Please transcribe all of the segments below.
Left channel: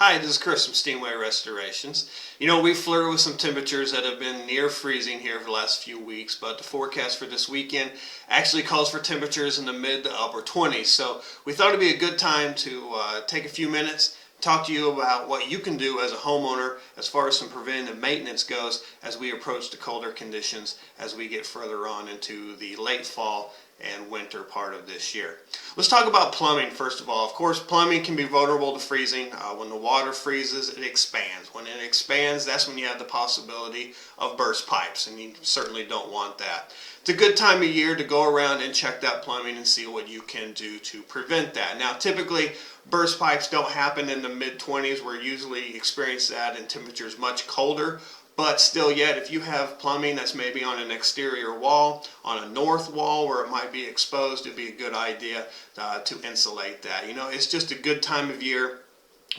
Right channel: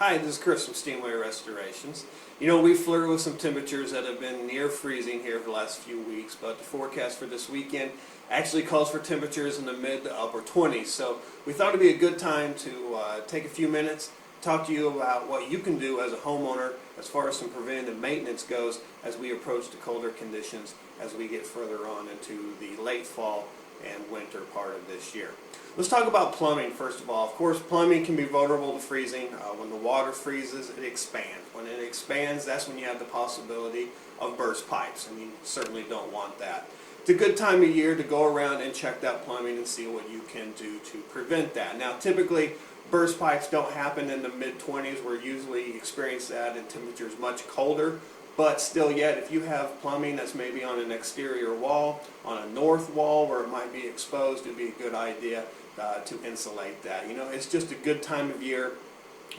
Hi, this is Chris from Steamway Restorations. You know, we flirted with some temperatures that have been near freezing here for the last few weeks, but the forecast for this weekend actually calls for temperatures in the mid to upper 20s. So we thought it'd be a good time to take a few minutes, talk to you about what you can do as a homeowner as far as some preventative maintenance goes as we approach the colder conditions as we get further on into the late fall and winter part of this year. Let's talk about plumbing first of all. Of course, plumbing can be vulnerable to freezing. When the water freezes, it expands. When it expands, that's when you have the possibility of burst pipes, and you certainly don't want that. It's a good time of year to go around and check that plumbing and see what you can do to prevent that. Now, typically, burst pipes don't happen in the mid-20s. We're usually experience that in temperatures much colder. But still yet, if you have plumbing that's maybe on an exterior wall, on a north wall where it might be exposed, it'd be a good idea to insulate that. You know, it's just a good time of year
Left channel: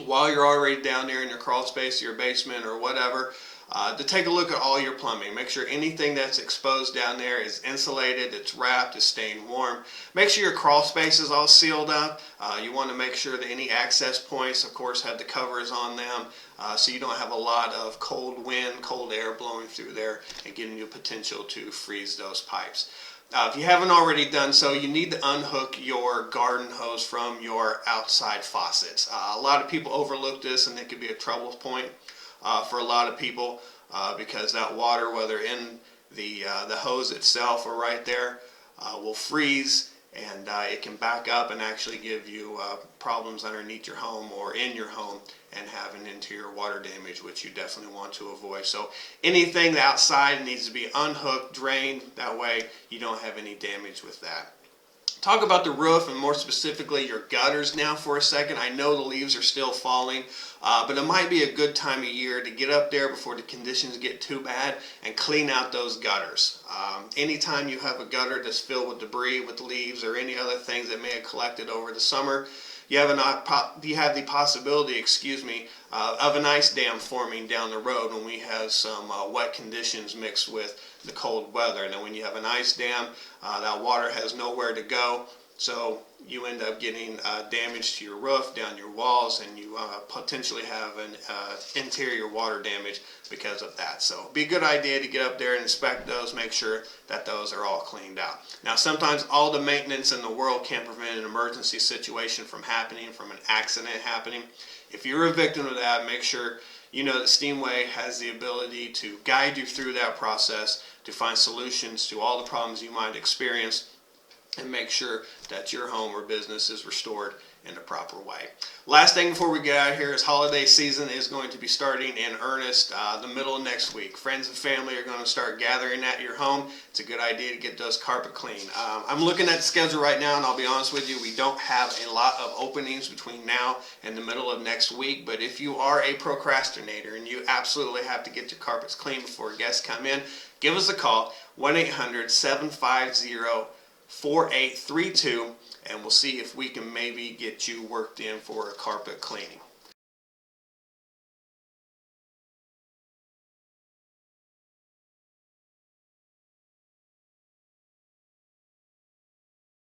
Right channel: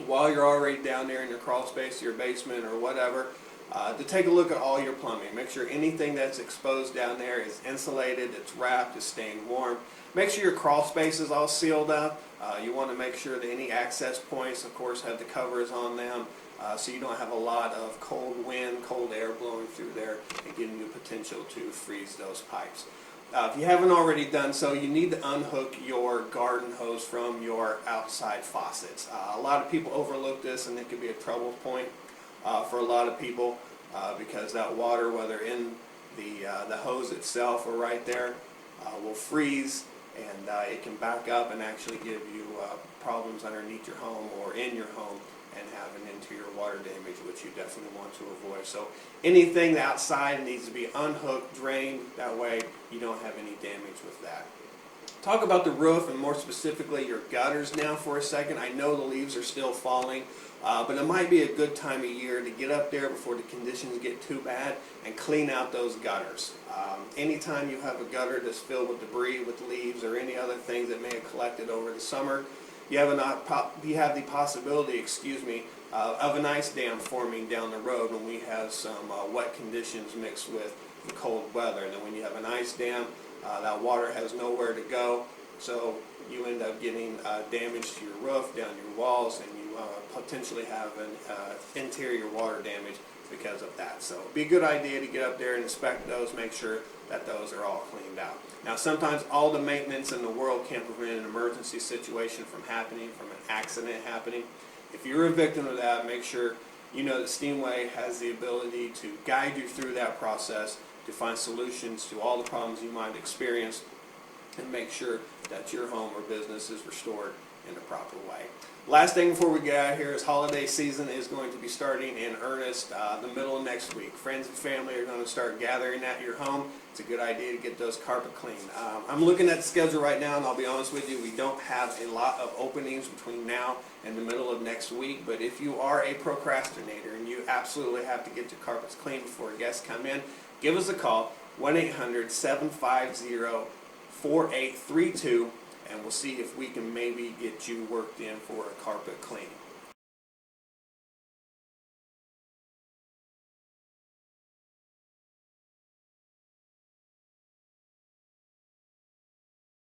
while you're already down there in your crawl space, your basement or whatever, to take a look at all your plumbing. Make sure anything that's exposed down there is insulated, it's wrapped, it's staying warm. Make sure your crawl space is all sealed up. You want to make sure that any access points, of course, have the covers on them, so you don't have a lot of cold wind, cold air blowing through there and giving you potential to freeze those pipes. If you haven't already done so, you need to unhook your garden hose from your outside faucets. A lot of people overlook this, and it can be a trouble point for a lot of people because that water, whether in the hose itself or right there, will freeze, and it can back up and actually give you problems underneath your home or in your home and have an interior water damage, which you definitely want to avoid. So anything outside needs to be unhooked, drained, that way you don't have any damage with that. Talk about the roof and more specifically your gutters now for a second. I know the leaves are still falling, but it might be a good time of year to get up there before the conditions get too bad and clean out those gutters. Anytime you have a gutter that's filled with debris, with leaves, or any other things that may have collected over the summer, you have the possibility, of an ice dam forming down the road when we have some wet conditions mixed with the cold weather. And then when you have an ice dam, that water has nowhere to go, so you end up getting damage to your roof, down your walls, and you potentially have an interior water damage because of that. So it'd be a good idea to get up there and inspect those, make sure that those are all cleaned out. Now, sometimes all the maintenance in the world can't prevent an emergency situation from happening, from an accident happening. If you're a victim of that, make sure you know that Steamway has the ability to guide you through that process, to find solutions to all the problems you might experience, and make sure that your home or business is restored in a proper way. Last thing before we get out of here is holiday season is going to be starting in earnest the middle of next week. Friends and family are going to start gathering at your home. It's a good idea to get those carpet clean. I'm looking at the schedule right now, and I'll be honest with you, we don't have a lot of openings between now and the middle of next week, but if you are a procrastinator and you absolutely have to get your carpets clean before guests come in, give us a call, 1-800-750-4832, and we'll see if we can maybe get you worked in for a carpet cleaning.